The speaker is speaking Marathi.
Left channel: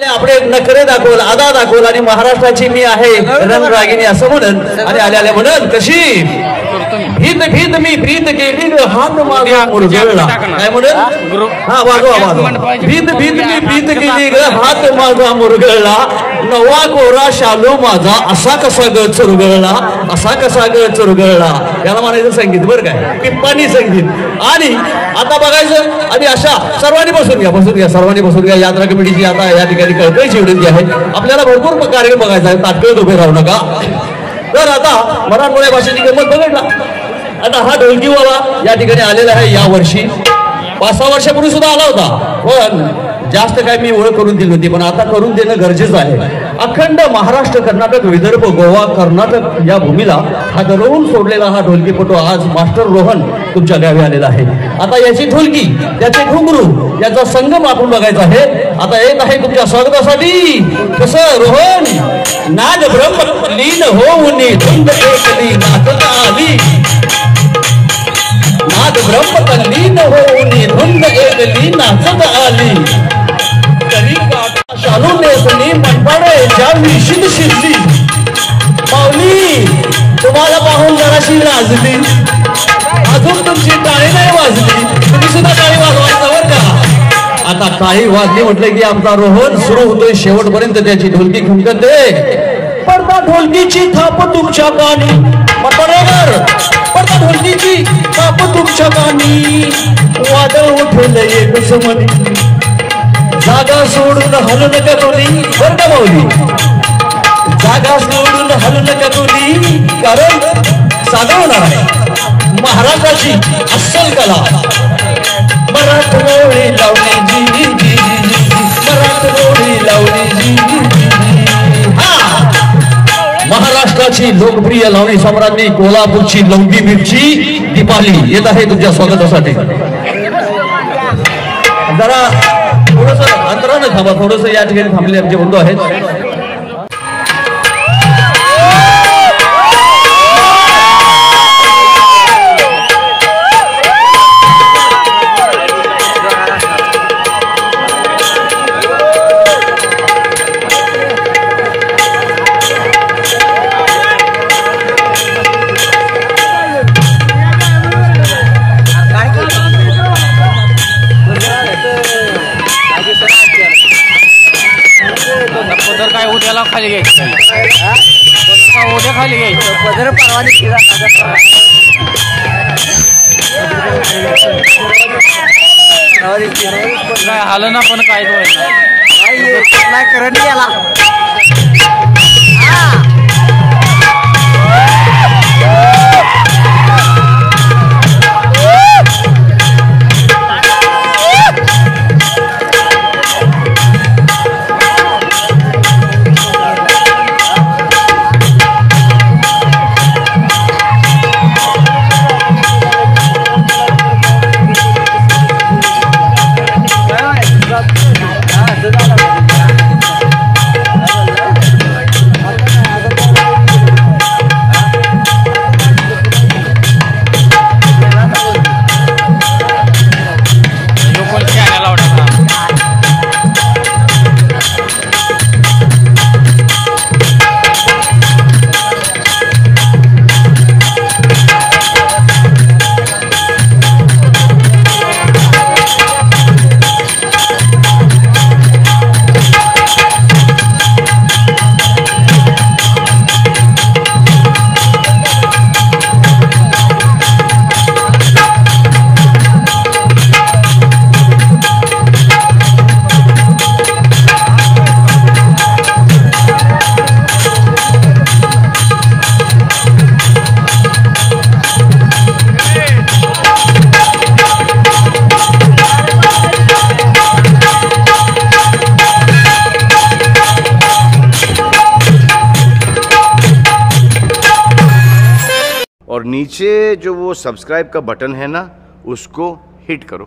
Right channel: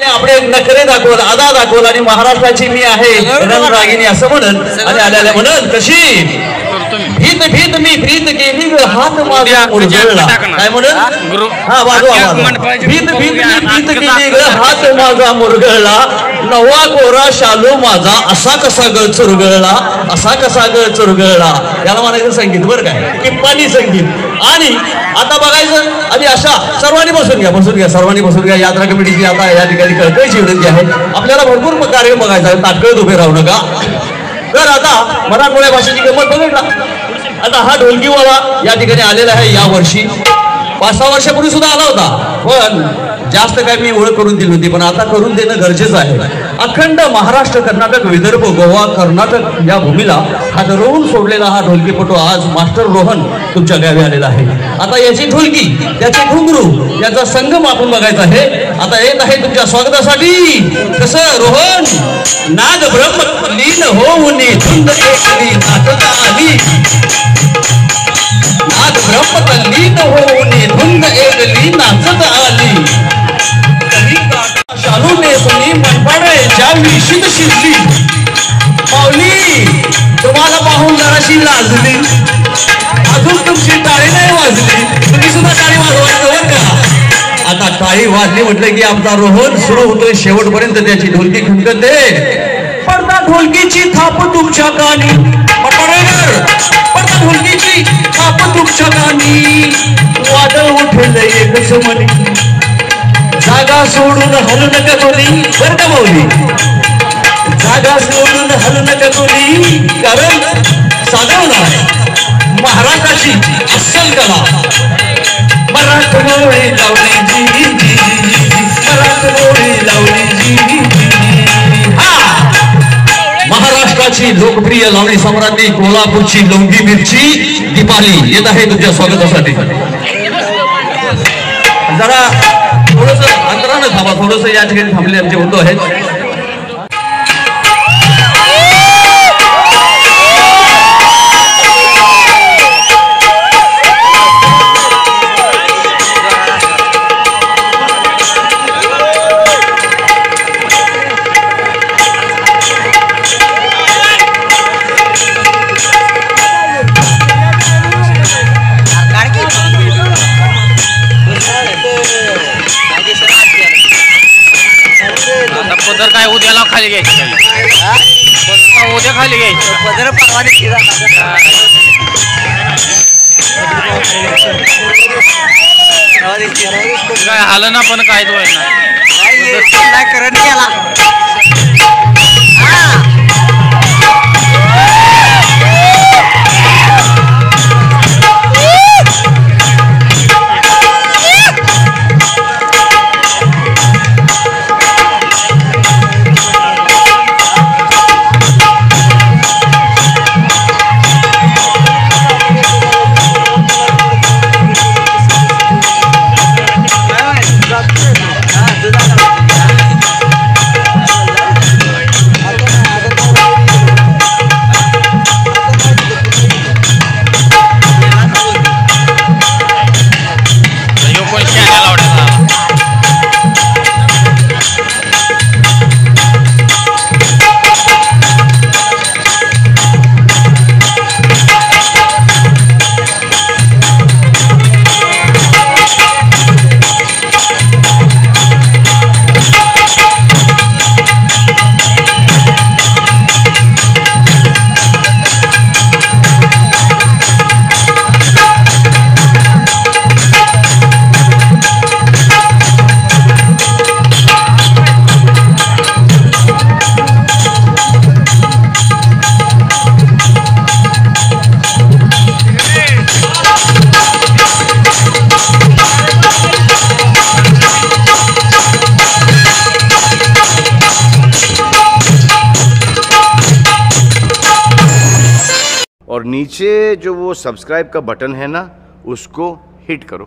आपले नखरे दाखवला, आदा दाखवला आणि महाराष्ट्राची मी आहे रणरागिणी असं म्हणत आणि आल्याला म्हणत कशी भीत भीत मी प्रीत केली हात माझा उरगळला काय म्हणत हा वाजवा भीत भीत मी प्रीत केली हात माझा मुरगळला नवा कोरा शालू माझा असा कसा ग चुरगळला असा कसा ग चुरगळला याला म्हणायचं संगीत बरं काय टिप्पाणी संगीत. आणि आता बघायचं आणि अशा सर्वांनी बसून घ्या सर्वांनी बसून घ्या. यात्रा कमिटीची आता या ठिकाणी कळकळीची विनंती आहे आपल्याला भरपूर कार्यक्रम बघायचा आहे ताटकळत उभे राहू नका. तर आता मराठमोळ्या भाषेची गंमत बघितला. आता हा ढोलकीवाला या ठिकाणी आलेला आहे या वर्षी 5-6 वर्षापूर्वी सुद्धा आला होता पण जास्त काय मी ओळख करून दिली होती पण आता करून देणं गरजेचं आहे. अखंड महाराष्ट्र कर्नाटक विदर्भ गोवा कर्नाटक या भूमीला हा ठरवून सोडलेला हा ढोलकीपटू आज मास्टर रोहन तुमच्या गावी आलेला आहे. आता याची ढोलकी त्याचे घुंगरू याचा संगम आपण बघायचा आहे. आता येत आहे तुमच्या स्वागतासाठी कसं रोहन नाद ब्रह्म लीन होऊन धुंद एकली नाचत आली नाद ब्रह्म लीन होऊन धुंद एकली नाचत आली शालू नेसली मनपाड्याच्या विशीत शिरली पावली तुम्हाला पाहून जराशी लाजली अजून तुमची टाळी नाही वाजली तुम्ही सुद्धा टाळी वाजवायचं बरं का. आता टाळी वाजली म्हटलं की आमचा रोहन सुरू होतोय शेवटपर्यंत त्याची ढोलकी खणकते. पडदा ढोलकीची थाप तुमच्या कानी पटडेकर पडदा ढोलकीची थाप तुमच्या कानी वादळ उठलं एकच म्हणी जागा सोडून हलू नका तुली बरं का माऊली जागा सोडून हलू नका तुली कारण साधवणार आहे महाराष्ट्राची अस्सल कला मराठमोळी लावली जी मराठमोळी लावली जी महाराष्ट्राची लोकप्रिय लावणी सम्राज्ञी कोल्हापूरची लवंगी मिरची दीपाली येत आहे तुमच्या स्वागतासाठी. जरा थोडंसं अंतरानं थांबा थोडंसं या ठिकाणी थांबले आमचे बंधू आहेत. पदर काय उद्याला खाली घ्यायचं पदर काय उद्या खाली घ्यायचं पदर परवानी काय आलं ना पण काय तो नाही करत गेला. और नीचे जो वो सब्सक्राइब का बटन है ना उसको हिट करो.